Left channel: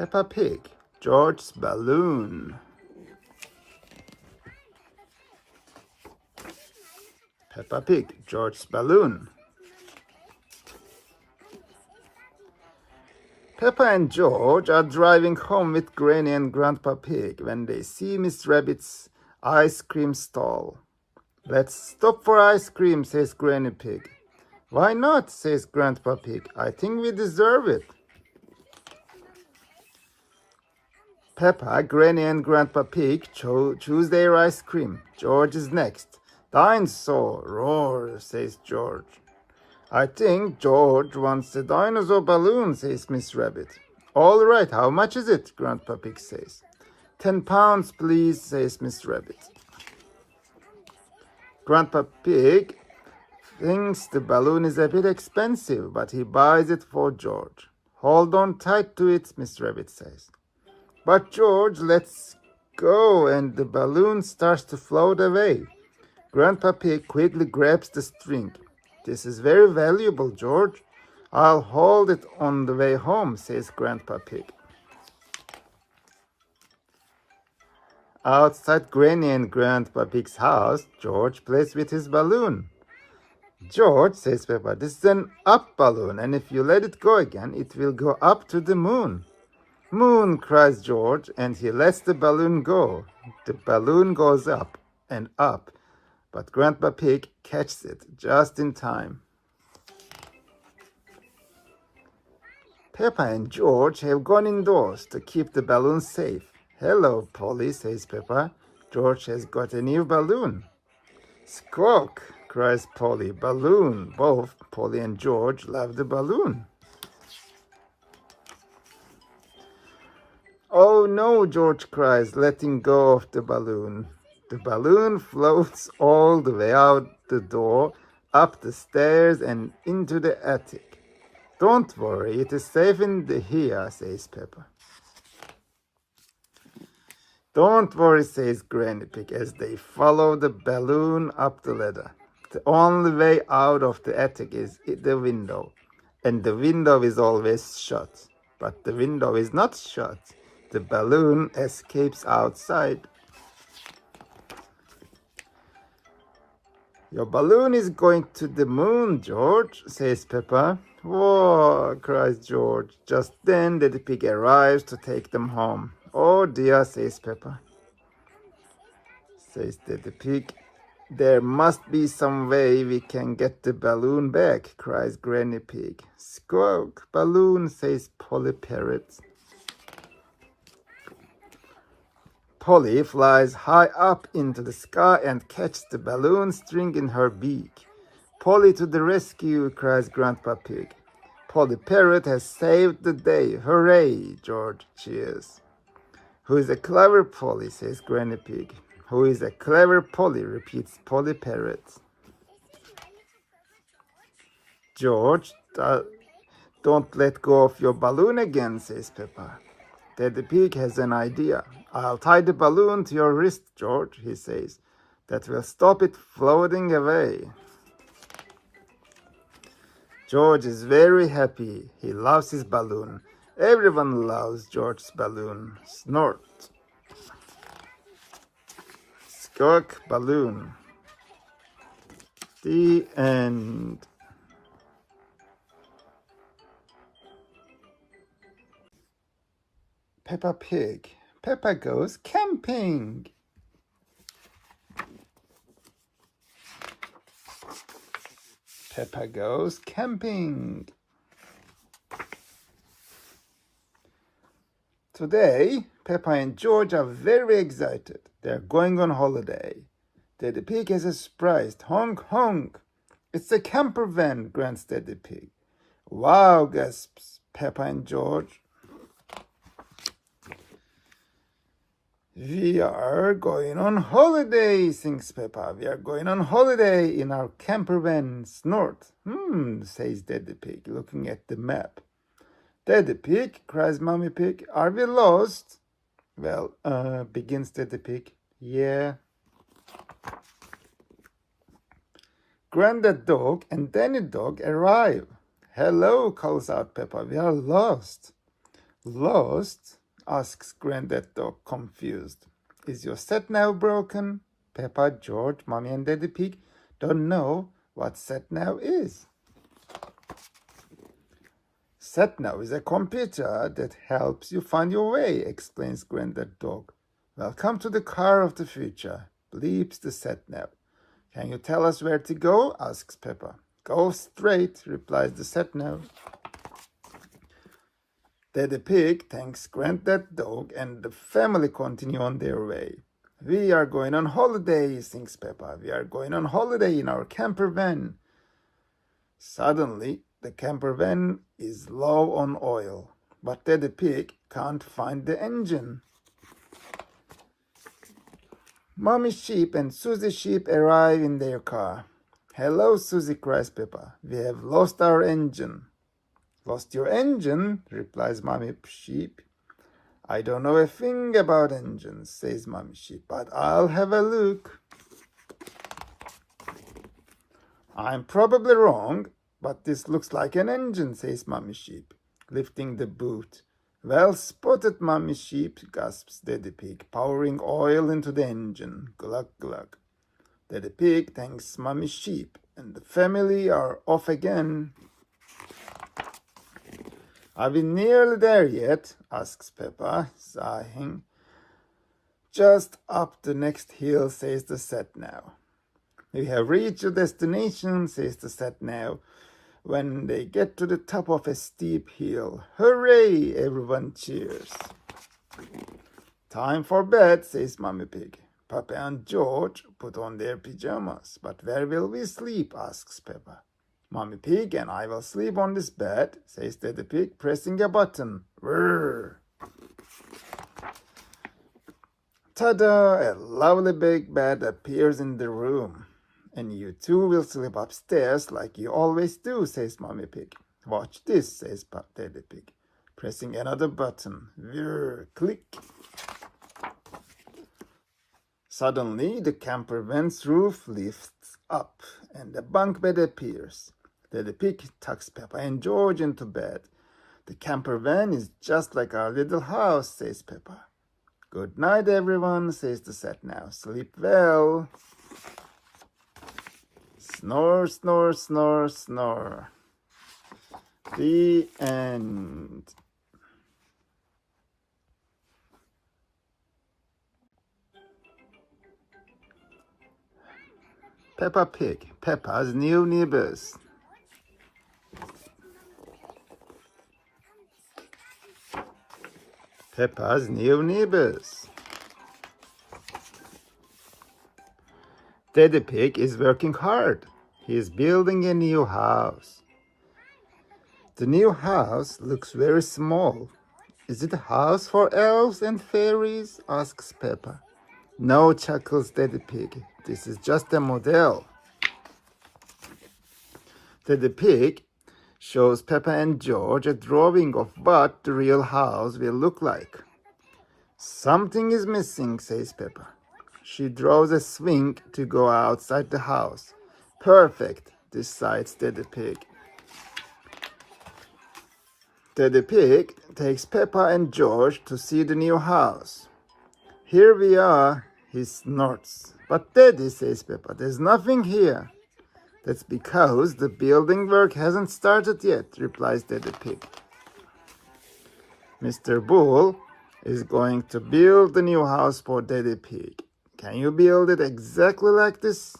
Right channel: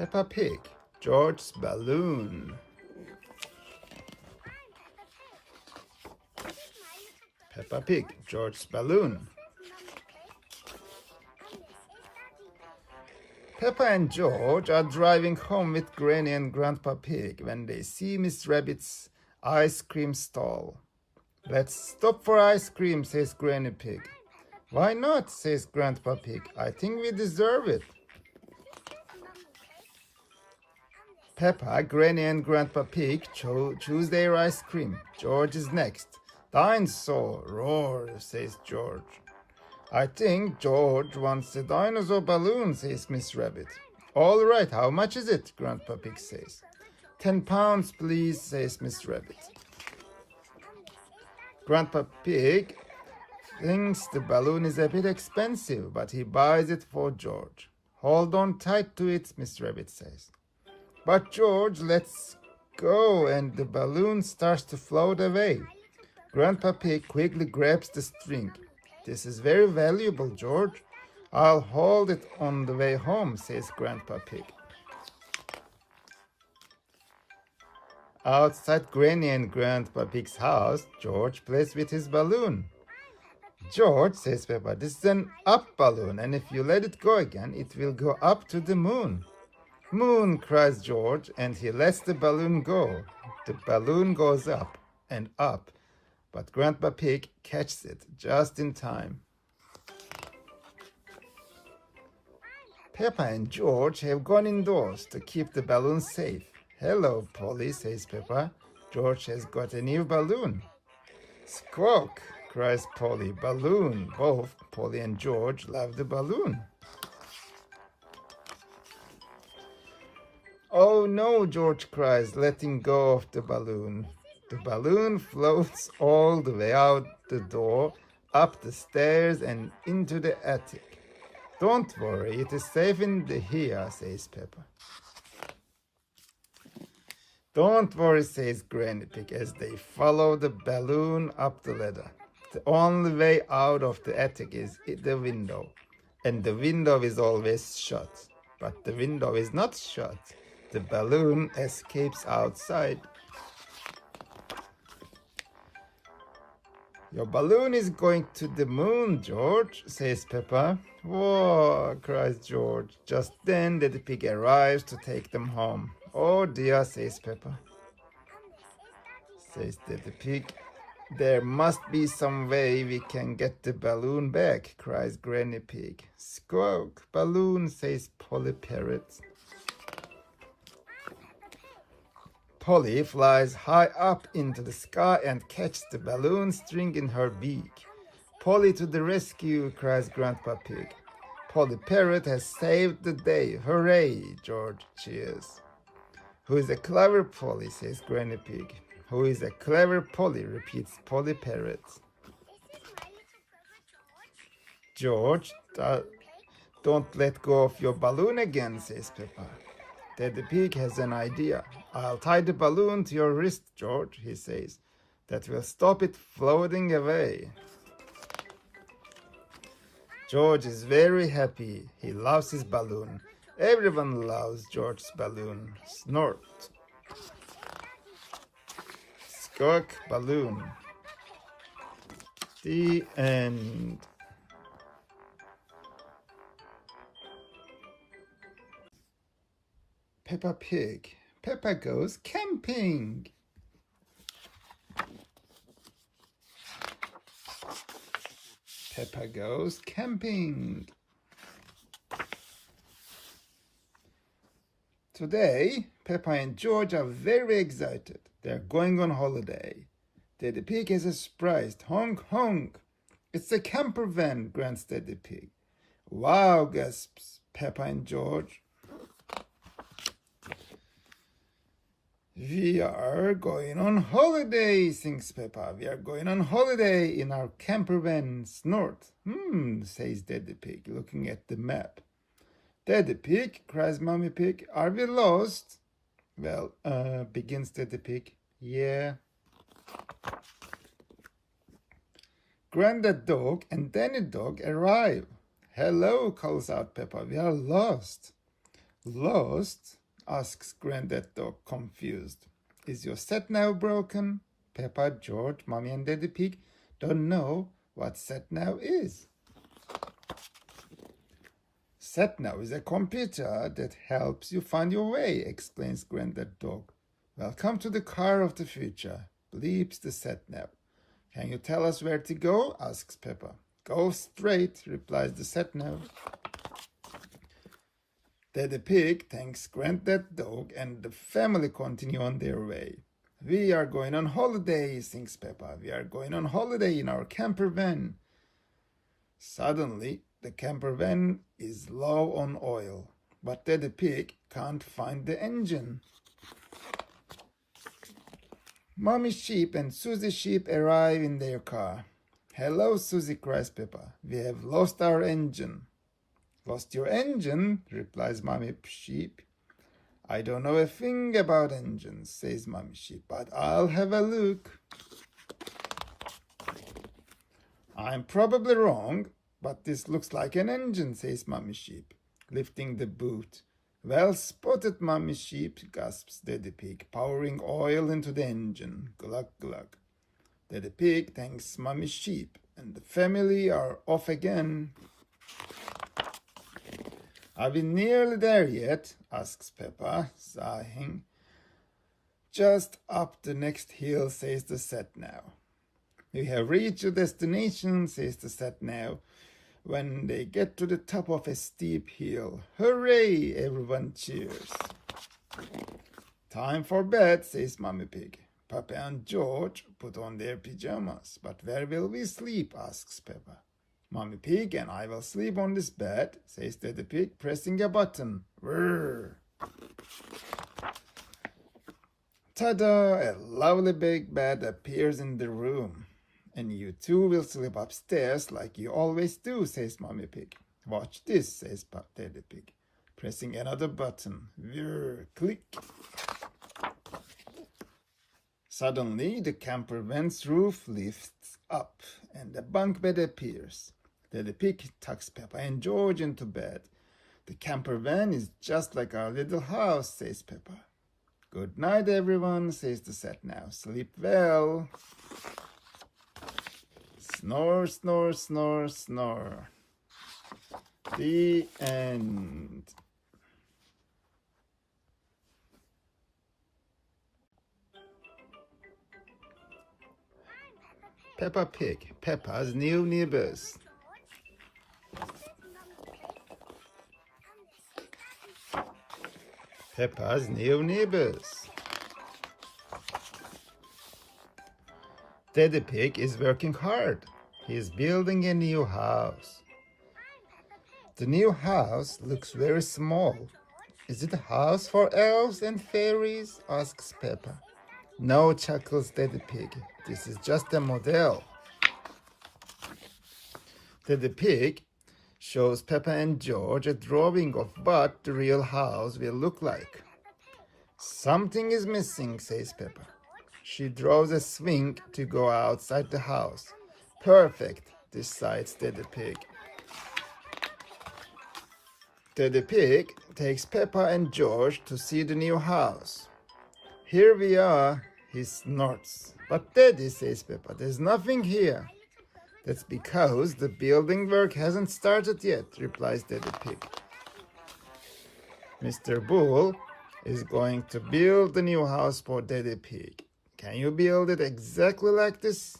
Peppa Pig, George's balloon. Peppa Pig, George's balloon. Peppa and George are driving home with Granny and Grandpa Pig when they see Miss Rabbit's ice cream stall. "Let's stop for ice cream," says Granny Pig. "Why not?" says Grandpa Pig. "I think we deserve it." Peppa, Granny and Grandpa Pig choose their ice cream. George is next. "Dinosaur, roar," says George. "I think George wants a dinosaur balloon," says Miss Rabbit. "All right, how much is it?" Grandpa Pig says. £10, please," says Miss Rabbit. Grandpa Pig thinks the balloon is a bit expensive, but he buys it for George. "Hold on tight to it," Miss Rabbit says. But George lets go and the balloon starts to float away. Grandpa Pig quickly grabs the string. "This is very valuable, George. I'll hold it on the way home," says Grandpa Pig. Outside Granny and Grandpa Pig's house, George plays with his balloon. "George," says Peppa, "this is an up balloon, and if you let it go again, it will go up to the moon." "Moon," cries George, and he lets the balloon go. The balloon goes up and up, but Grandpa Pig catches it just in time. Peppa and George have gone indoors to keep the balloon safe. "Hello, Polly," says Peppa. "George has got a new balloon." "Squawk," cries Polly. "Balloon." Both Polly and George love the balloon. "Oh no," George cries, letting go of the balloon. The balloon floats all the way out the door, up the stairs, and into the attic. "Don't worry, it is safe in here," says Peppa. "Don't worry," says Granny Pig as they follow the balloon up the ladder. The only way out of the attic is the window, and the window is always shut. But the window is not shut. The balloon escapes outside. "Your balloon is going to the moon, George," says Peppa. "Whoa," cries George. Just then Daddy Pig arrives to take them home. "Oh dear," says Peppa. Says Daddy Pig. "There must be some way we can get the balloon back," cries Granny Pig. "Squawk, balloon," says Polly Parrot. Polly flies high up into the sky and catches the balloon string in her beak. "Polly to the rescue," cries Grandpa Pig. "Polly Parrot has saved the day. Hooray!" George cheers. "Who is a clever Polly?" says Granny Pig. "Who is a clever Polly?" repeats Polly Parrot. "George, don't let go of your balloon again," says Peppa. Daddy Pig has an idea. "I'll tie the balloon to your wrist, George," he says. "That will stop it floating away." George is very happy. He loves his balloon. Everyone loves George's balloon. Snort. Squawk, balloon. The end. Peppa Pig. Peppa goes camping. Peppa goes camping. Today, Peppa and George are very excited. They're going on holiday. Daddy Pig has a surprise. "Honk, honk." "It's a camper van," grunts Daddy Pig. "Wow," gasps Peppa and George. "We are going on holiday," sings Peppa. "We are going on holiday in our camper van." Snort. Says Daddy Pig, looking at the map. "Daddy Pig," cries Mommy Pig, "are we lost?" "Well, begins Daddy Pig. "Yeah." Grandad Dog and Danny Dog arrive. "Hello," calls out Peppa. "We are lost." Lost? Asks Granddad Dog, confused. Is your sat-nav broken? Peppa, George, Mommy and Daddy Pig don't know what sat-nav is. Sat-nav is a computer that helps you find your way, explains Granddad Dog. Welcome to the car of the future, bleeps the sat-nav. Can you tell us where to go? Asks Peppa. Go straight, replies the sat-nav. Daddy Pig thanks Granddad Dog and the family continue on their way. We are going on holiday, sings Peppa. We are going on holiday in our camper van. Suddenly, the camper van is low on oil, but Daddy Pig can't find the engine. Mommy Sheep and Susie Sheep arrive in their car. Hello, Susie, cries Peppa. We have lost our engine. Lost your engine? Replies Mommy Sheep. I don't know a thing about engines, says Mommy Sheep, but I'll have a look. I'm probably wrong, but this looks like an engine, says Mommy Sheep, lifting the boot. Well spotted, Mommy Sheep, gasps Daddy Pig, pouring oil into the engine. Glug, glug. Daddy Pig thanks Mommy Sheep, and the family are off again. Are we nearly there yet? Asks Peppa, sighing. Just up the next hill, says the sat-nav. We have reached your destination, says the sat-nav, when they get to the top of a steep hill. Hooray! Everyone cheers. Time for bed, says Mommy Pig. Papa and George put on their pajamas. But where will we sleep? Asks Peppa. Mommy Pig and I will sleep on this bed, says Daddy Pig, pressing a button. Whirr. Ta-da! A lovely big bed appears in the room. And you two will sleep upstairs like you always do, says Mommy Pig. Watch this, says Daddy Pig, pressing another button. Whirr, click. Suddenly, the camper van's roof lifts up and a bunk bed appears. Daddy Pig tucks Peppa and George into bed. The camper van is just like our little house, says Peppa. Good night, everyone, says the sat-nav. Sleep well. Snore, snore, snore, snore. The end. Peppa Pig, Peppa's new neighbors. Peppa's new neighbors. Daddy Pig is working hard. He is building a new house. The new house looks very small. Is it a house for elves and fairies? Asks Peppa. No, chuckles Daddy Pig. This is just a model. Daddy Pig shows Peppa and George a drawing of what the real house will look like. Something is missing, says Peppa. She draws a swing to go outside the house. Perfect, decides Daddy Pig. Daddy Pig takes Peppa and George to see the new house. Here we are, he snorts. But Daddy, says Peppa, there's nothing here. That's because the building work hasn't started yet, replies Daddy Pig. Mr. Bull is going to build the new house for Daddy Pig. Can you build it exactly like this,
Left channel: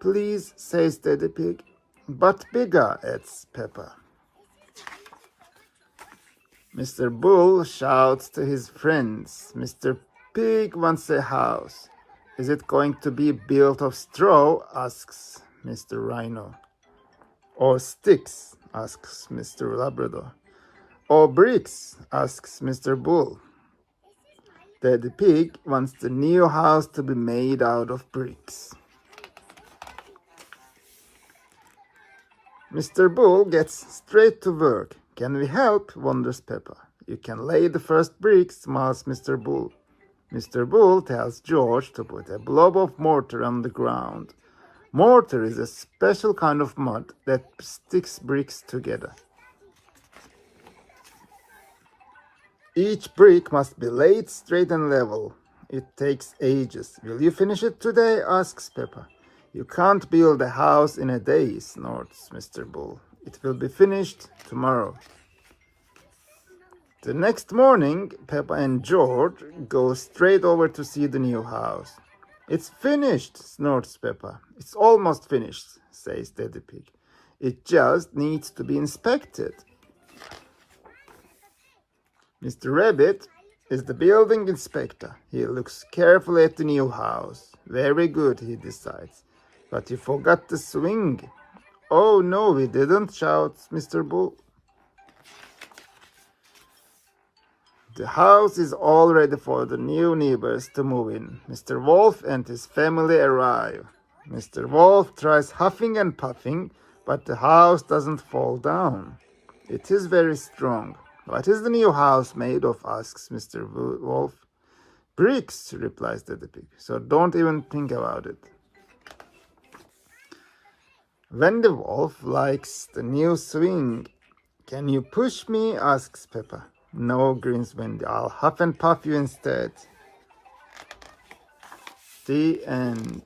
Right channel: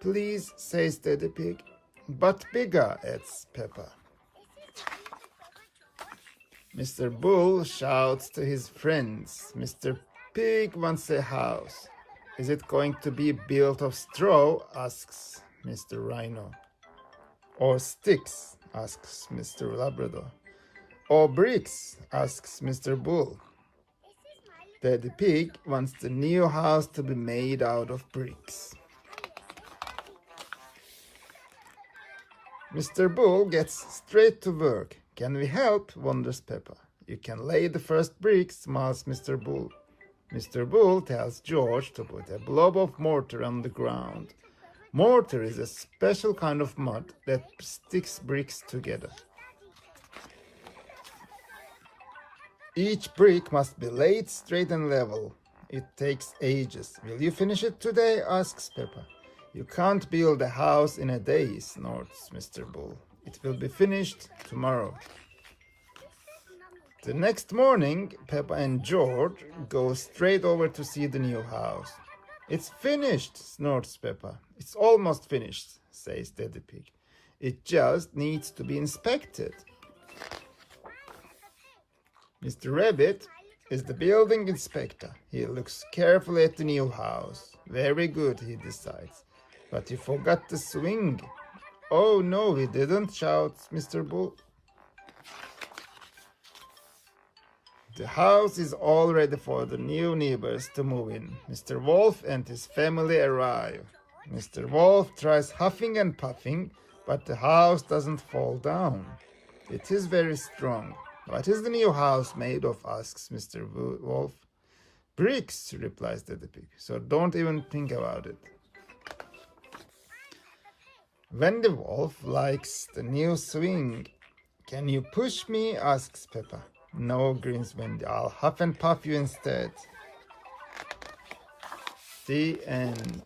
please, says Daddy Pig. But bigger, adds Peppa. Mr. Bull shouts to his friends. Mr. Pig wants a house. Is it going to be built of straw? Asks Mr. Rhino. Or sticks? Asks Mr. Labrador. Or bricks? Asks Mr. Bull. Daddy Pig wants the new house to be made out of bricks. Mr. Bull gets straight to work. Can we help? Wonders Peppa. You can lay the first bricks, smiles Mr. Bull. Mr. Bull tells George to put a blob of mortar on the ground. Mortar is a special kind of mud that sticks bricks together. Each brick must be laid straight and level. It takes ages. Will you finish it today? Asks Peppa. You can't build a house in a day, snorts Mr. Bull. It will be finished tomorrow. The next morning, Peppa and George go straight over to see the new house. It's finished, snorts Peppa. It's almost finished, says Daddy Pig. It just needs to be inspected. Mr. Rabbit is the building inspector. He looks carefully at the new house. Very good, he decides. But he forgot the swing. Oh no, he didn't, shouts Mr. Bull. The house is all ready for the new neighbors to move in. Mr. Wolf and his family arrive. Mr. Wolf tries huffing and puffing, but the house doesn't fall down. It is very strong. What is the new house made of? Asks Mr. Wolf. Bricks, replies Daddy Pig, so don't even think about it. When the wolf likes the new swing, can you push me? Asks Peppa. No, grins Wendy, I'll huff and puff you instead. The end.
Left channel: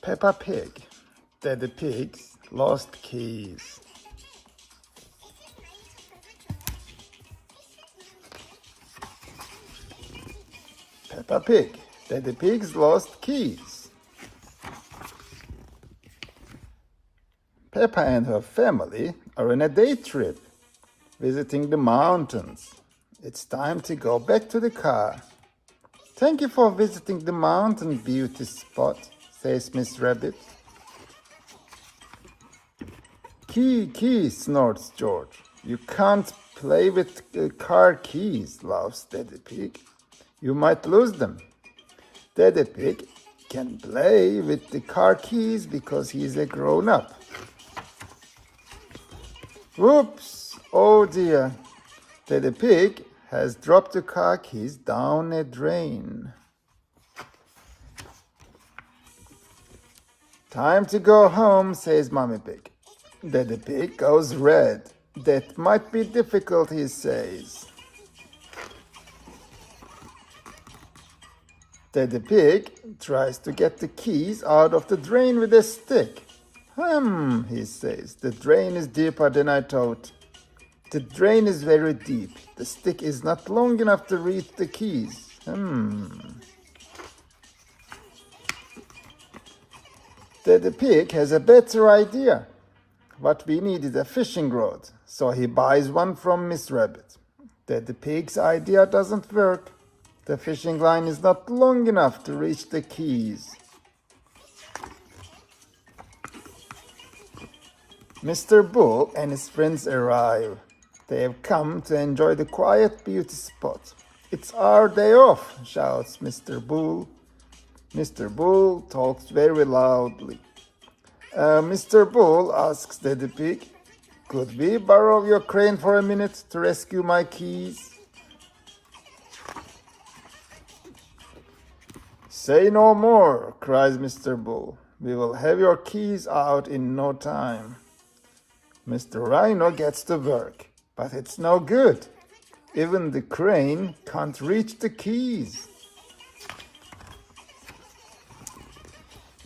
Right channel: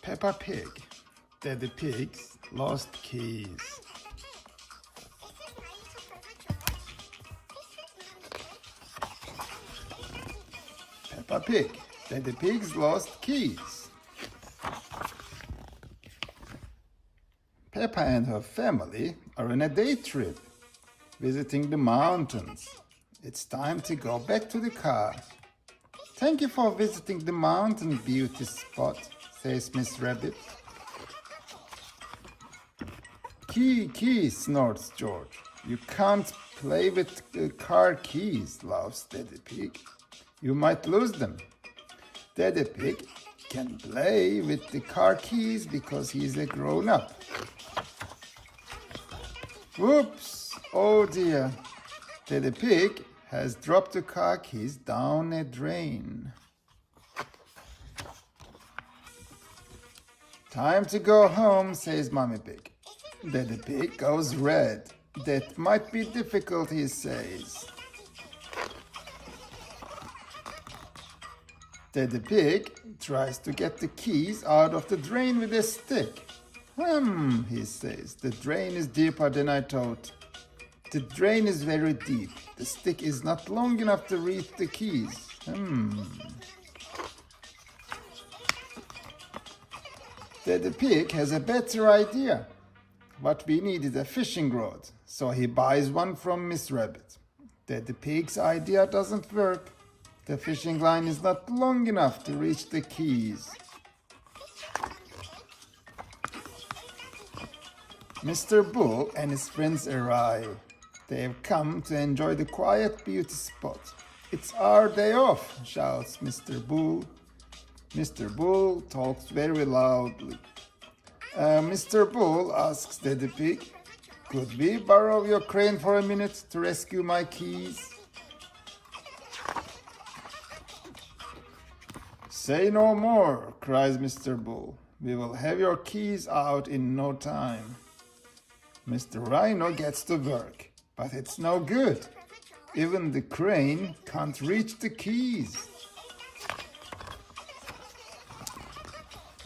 Peppa Pig, Daddy Pig's lost keys. Peppa Pig, Daddy Pig's lost keys. Peppa and her family are on a day trip, visiting the mountains. It's time to go back to the car. Thank you for visiting the mountain beauty spot, says Miss Rabbit. Key, snorts George. You can't play with car keys, laughs Daddy Pig. You might lose them. Daddy Pig can play with the car keys because he's a grown-up. Whoops! Oh dear. Daddy Pig has dropped the car keys down a drain. Time to go home, says Mommy Pig. Daddy Pig goes red. That might be difficult, he says. Daddy Pig tries to get the keys out of the drain with a stick. He says, the drain is deeper than I thought. The drain is very deep. The stick is not long enough to reach the keys. Daddy Pig has a better idea. What we need is a fishing rod, so he buys one from Miss Rabbit. Daddy Pig's idea doesn't work. The fishing line is not long enough to reach the keys. Mr. Bull and his friends arrive. They have come to enjoy the quiet beauty spot. It's our day off, shouts Mr. Bull. Mr. Bull talks very loudly. Mr. Bull, asks Daddy Pig, could we borrow your crane for a minute to rescue my keys? Say no more, cries Mr. Bull. We will have your keys out in no time. Mr. Rhino gets to work, but it's no good. Even the crane can't reach the keys.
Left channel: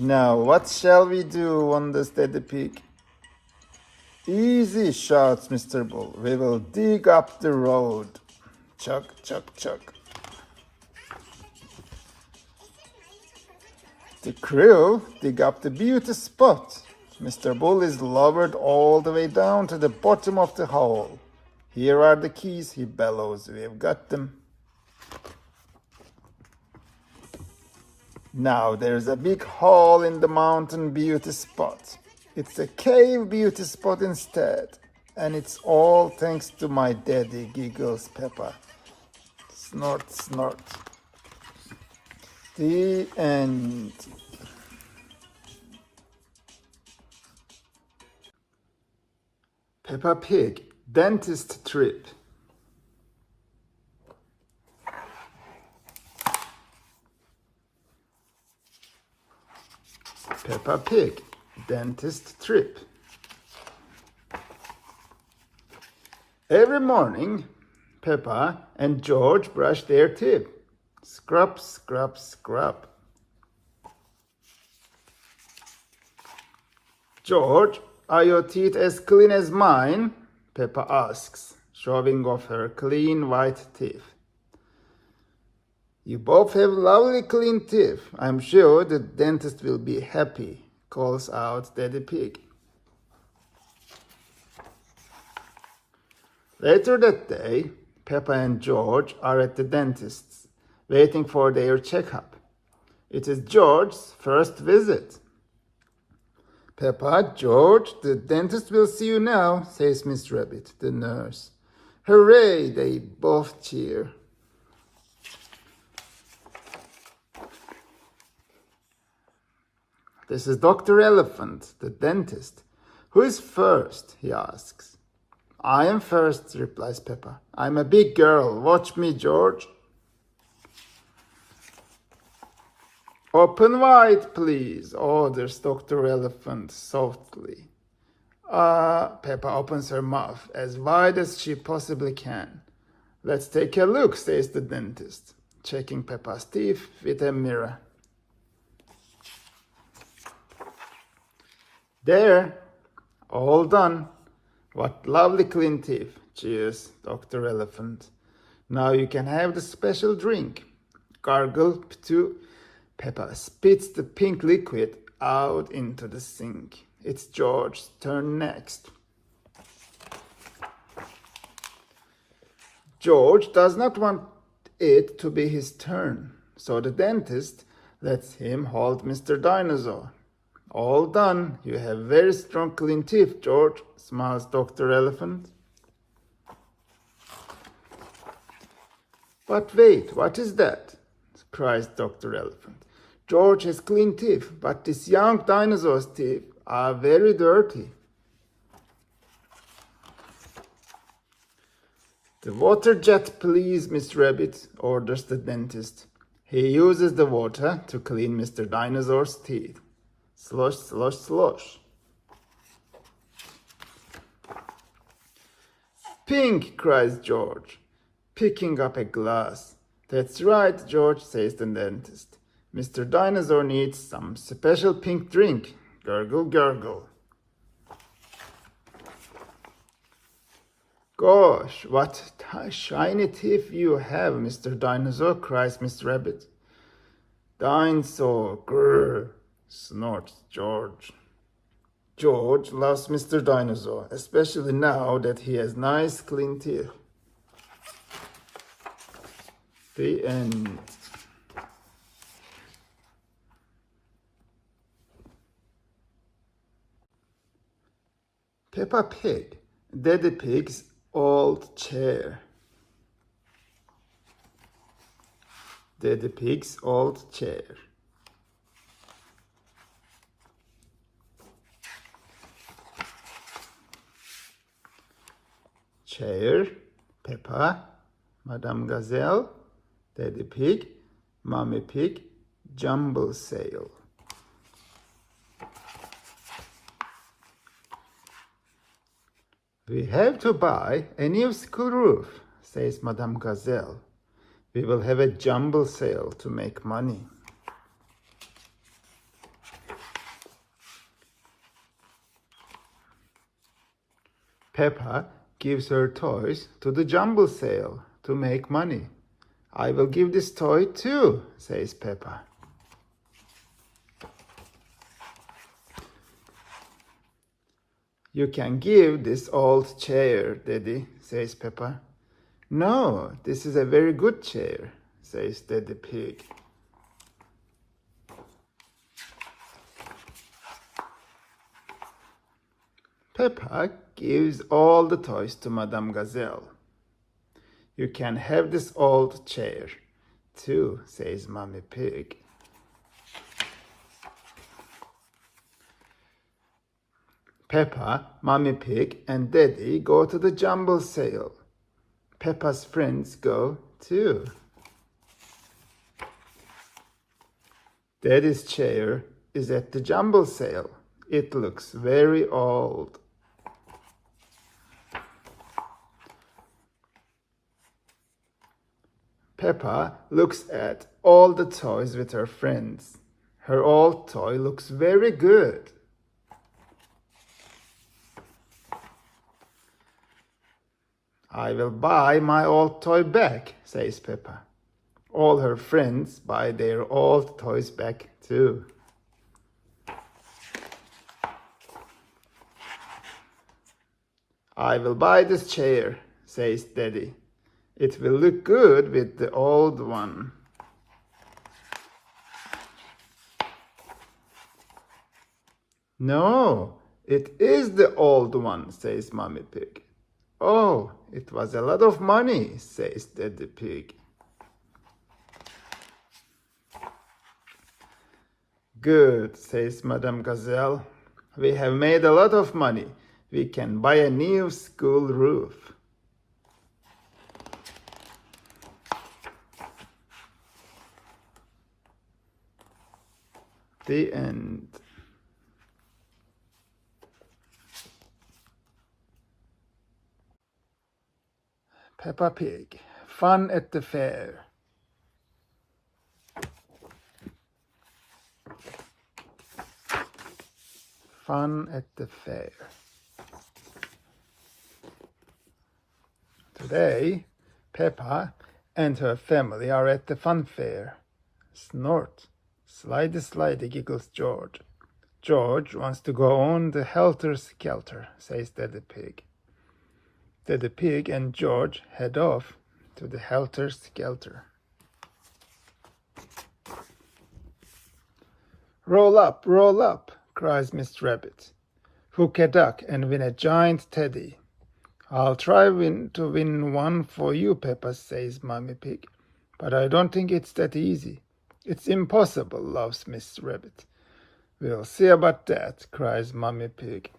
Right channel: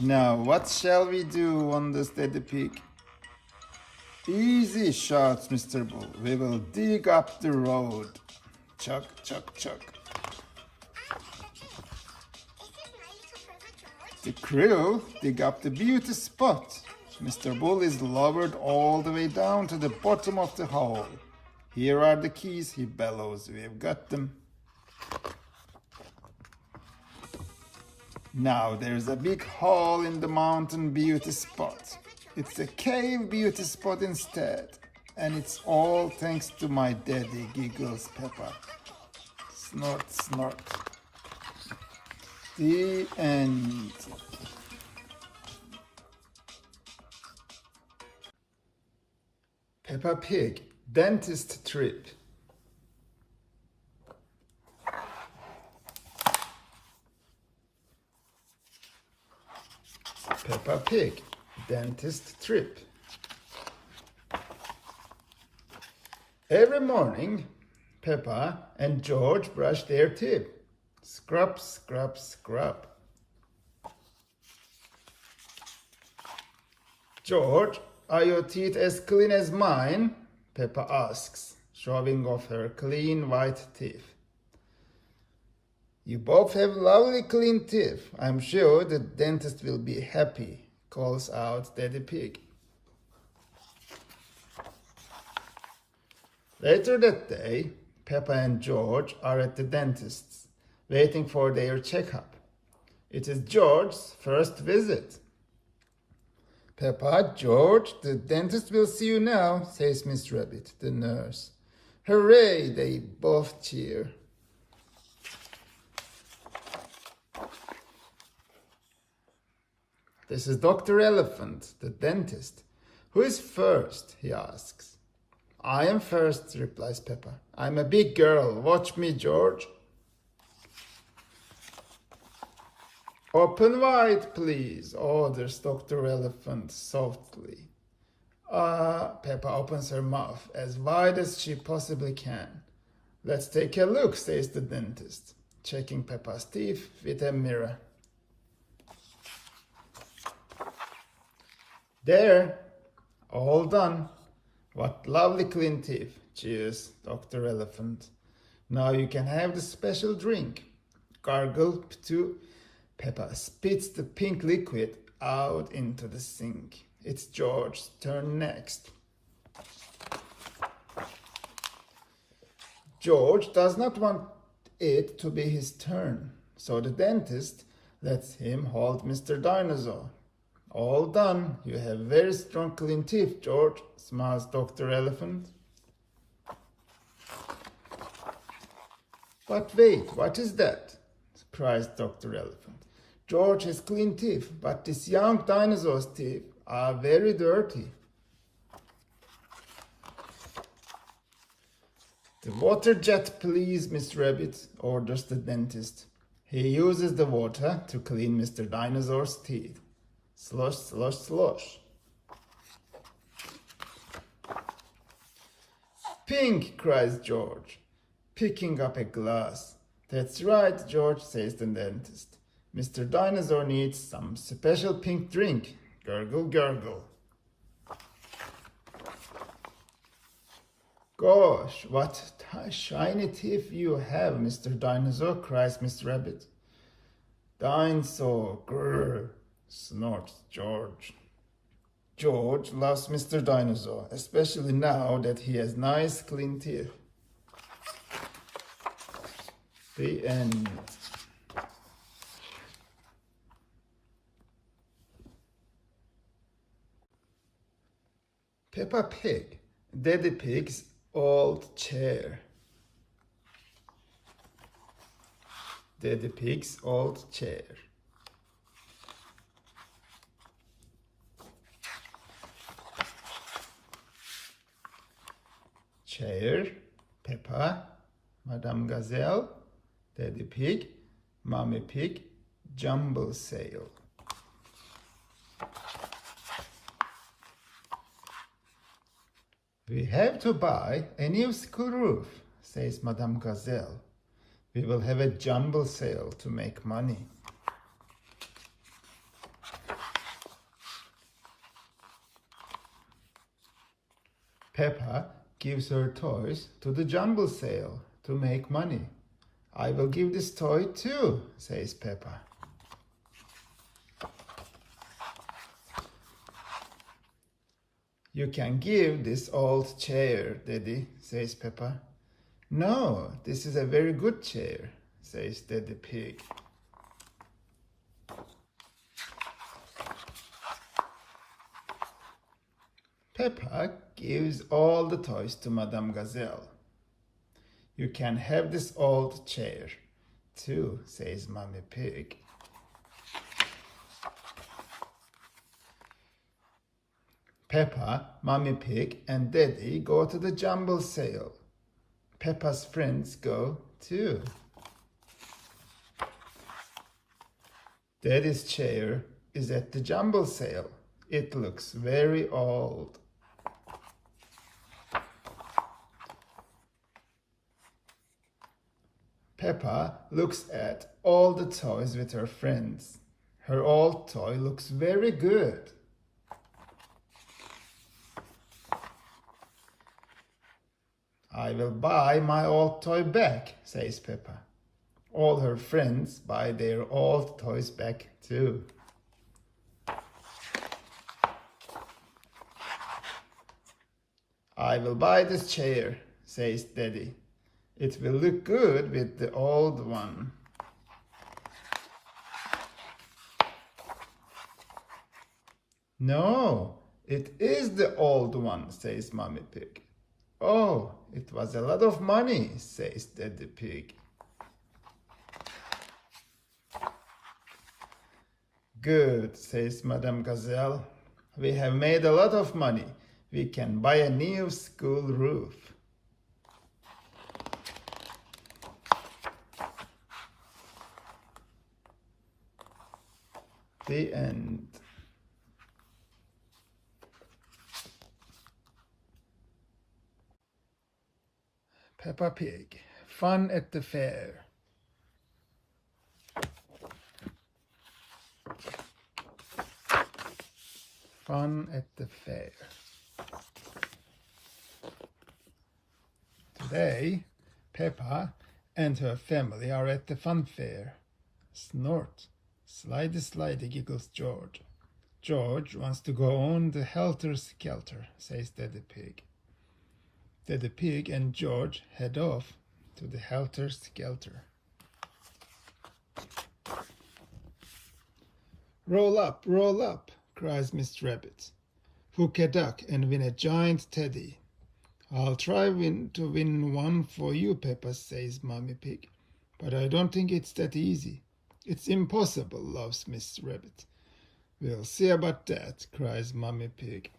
Now, what shall we do? Wonders Daddy Pig. Easy, shouts Mr. Bull. We will dig up the road. Chuck, chuck, chuck. The crew dig up the beauty spot. Mr. Bull is lowered all the way down to the bottom of the hole. Here are the keys, he bellows. We have got them. Now there's a big hole in the mountain beauty spot. It's a cave beauty spot instead. And it's all thanks to my daddy, giggles Peppa. Snort, snort. The end. Peppa Pig, dentist trip. Peppa Pig dentist trip. Every morning, Peppa and George brush their teeth. Scrub, scrub, scrub. George, are your teeth as clean as mine? Peppa asks, showing off her clean white teeth. You both have lovely clean teeth. I'm sure the dentist will be happy, calls out Daddy Pig. Later that day, Peppa and George are at the dentist's, waiting for their checkup. It is George's first visit. Peppa, George, the dentist will see you now, says Miss Rabbit, the nurse. Hooray, they both cheer. This is Dr. Elephant, the dentist. Who is first? He asks. I am first, replies Peppa. I'm a big girl. Watch me, George. Open wide, please, orders Dr. Elephant softly. Peppa opens her mouth as wide as she possibly can. Let's take a look, says the dentist, checking Peppa's teeth with a mirror. There, all done. What lovely clean teeth, cheers Dr. Elephant. Now you can have the special drink. Gargle to Peppa spits the pink liquid out into the sink. It's George's turn next. George does not want it to be his turn, so the dentist lets him hold Mr. Dinosaur. All done. You have very strong clean teeth, George, smiles Dr. Elephant. But wait, what is that? Cries Dr. Elephant. George has clean teeth, but this young dinosaur's teeth are very dirty. The water jet, please, Miss Rabbit, orders the dentist. He uses the water to clean Mr. Dinosaur's teeth. Slosh, slosh, slosh. Pink, cries George, picking up a glass. That's right, George, says the dentist. Mr. Dinosaur needs some special pink drink. Gurgle, gurgle. Gosh, what shiny teeth you have, Mr. Dinosaur, cries Miss Rabbit. Dinosaur, grrr, snorts George. George loves Mr. Dinosaur, especially now that he has nice clean teeth. The end. Peppa Pig, Daddy Pig's Old Chair. Daddy Pig's Old Chair. Chair, Peppa, Madame Gazelle, Daddy Pig, Mommy Pig, Jumble Sale. We have to buy a new school roof, says Madame Gazelle. We will have a jumble sale to make money. Peppa gives her toys to the jumble sale to make money. I will give this toy too, says Peppa. You can give this old chair, Daddy, says Peppa. No, this is a very good chair, says Daddy Pig. Peppa gives all the toys to Madame Gazelle. You can have this old chair too, says Mommy Pig. Peppa, Mommy Pig, and Daddy go to the jumble sale. Peppa's friends go too. Daddy's chair is at the jumble sale. It looks very old. Peppa looks at all the toys with her friends. Her old toy looks very good. I will buy my old toy back, says Peppa. All her friends buy their old toys back too. I will buy this chair, says Daddy. It will look good with the old one. No, it is the old one, says Mommy Pig. Oh, it was a lot of money, says Daddy Pig. Good, says Madame Gazelle. We have made a lot of money. We can buy a new school roof. The end. Peppa Pig, Fun at the Fair. Fun at the fair. Today, Peppa and her family are at the fun fair. Snort, slidey slidey, giggles George. George wants to go on the helter-skelter, says Daddy Pig. Daddy Pig and George head off to the helter-skelter. Roll up, cries Miss Rabbit. Hook a duck and win a giant teddy. I'll try to win one for you, Peppa, says Mommy Pig. But I don't think it's that easy. It's impossible, laughs Miss Rabbit. We'll see about that, cries Mommy Pig.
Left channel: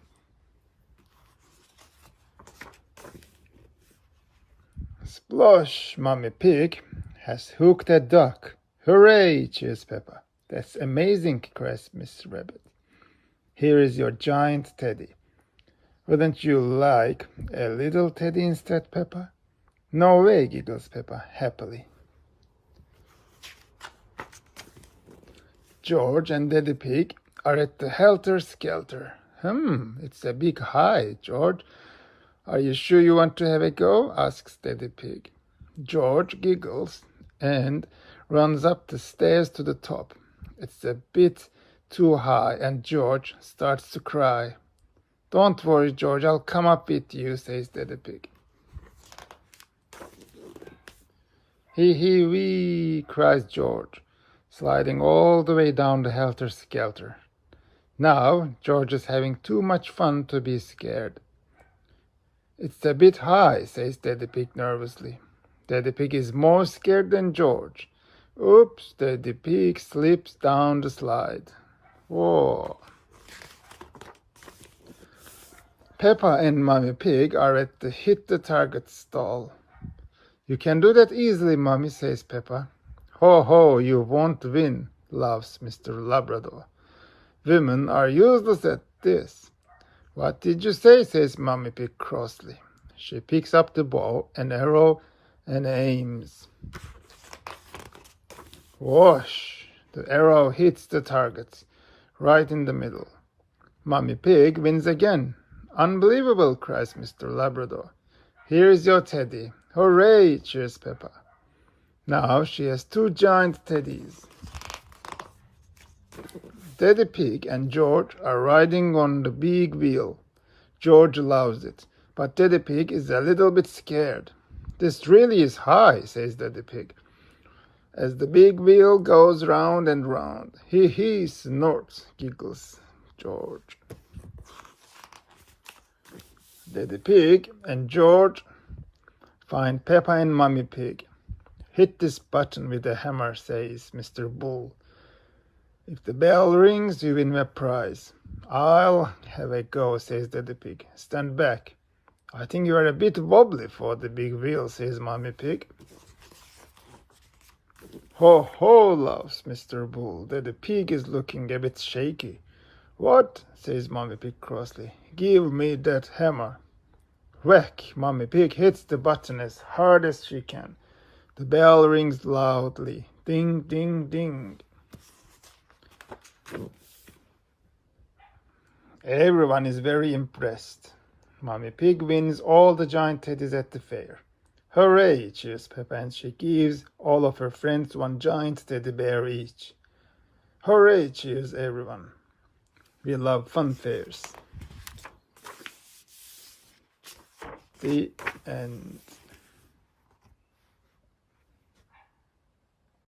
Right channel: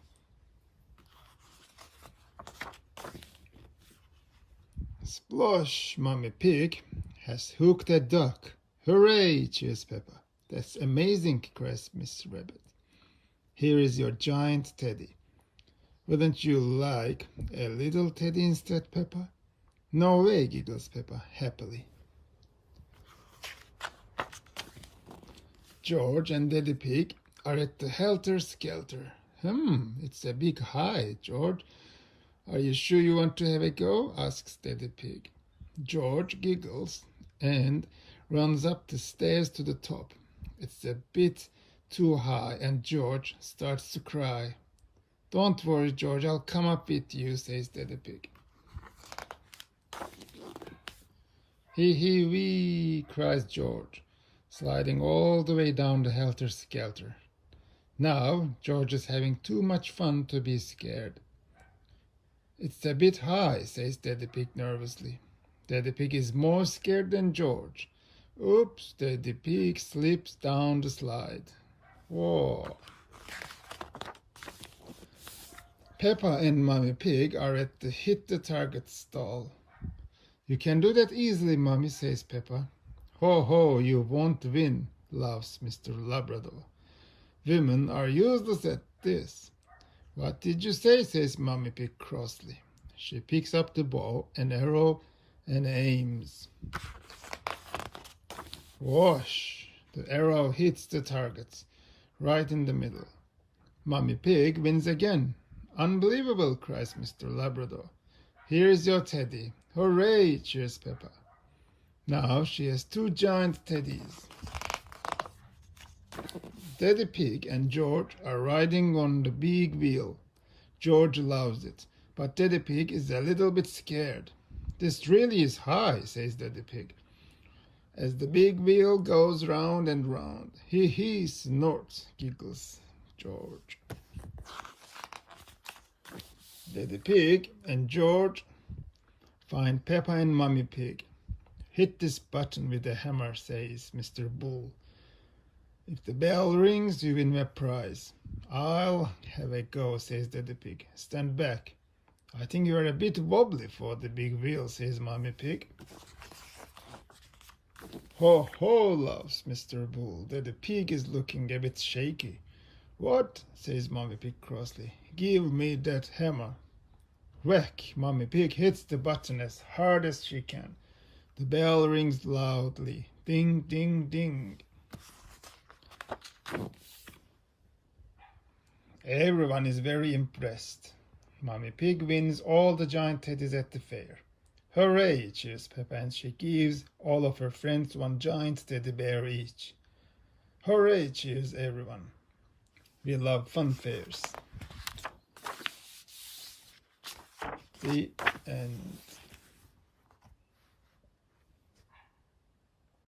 Splosh, Mommy Pig has hooked a duck. Hooray, cheers Peppa. That's amazing, cries Miss Rabbit. Here is your giant teddy. Wouldn't you like a little teddy instead, Peppa? No way, giggles Peppa happily. George and Daddy Pig are at the helter-skelter. It's a big high, George. Are you sure you want to have a go? Asks Daddy Pig. George giggles and runs up the stairs to the top. It's a bit too high, and George starts to cry. Don't worry, George, I'll come up with you, says Daddy Pig. Hee wee, cries George, sliding all the way down the helter-skelter. Now George is having too much fun to be scared. It's a bit high, says Daddy Pig nervously. Daddy Pig is more scared than George. Oops, Daddy Pig slips down the slide. Whoa. Peppa and Mommy Pig are at the hit the target stall. You can do that easily, Mommy, says Peppa. Ho ho, you won't win, laughs Mr. Labrador. Women are useless at this. What did you say, says Mommy Pig crossly. She picks up the bow and arrow and aims. Whoosh! The arrow hits the target, right in the middle. Mommy Pig wins again. Unbelievable, cries Mr. Labrador. Here's your teddy. Hooray, cheers Peppa. Now she has two giant teddies. Daddy Pig and George are riding on the big wheel. George loves it, but Daddy Pig is a little bit scared. This really is high, says Daddy Pig, as the big wheel goes round and round. He snorts, giggles George. Daddy Pig and George find Peppa and Mommy Pig. Hit this button with a hammer, says Mr. Bull. If the bell rings, you win a prize. I'll have a go, says Daddy Pig. Stand back. I think you are a bit wobbly for the big wheel, says Mommy Pig. Ho ho, laughs Mr. Bull. Daddy Pig is looking a bit shaky. What? Says Mommy Pig crossly. Give me that hammer. Whack! Mommy Pig hits the button as hard as she can. The bell rings loudly. Ding, ding, ding. Everyone is very impressed. Mommy Pig wins all the giant teddies at the fair. Hooray, cheers Peppa, and she gives all of her friends one giant teddy bear each. Hooray, cheers everyone. We love fun fairs. The end.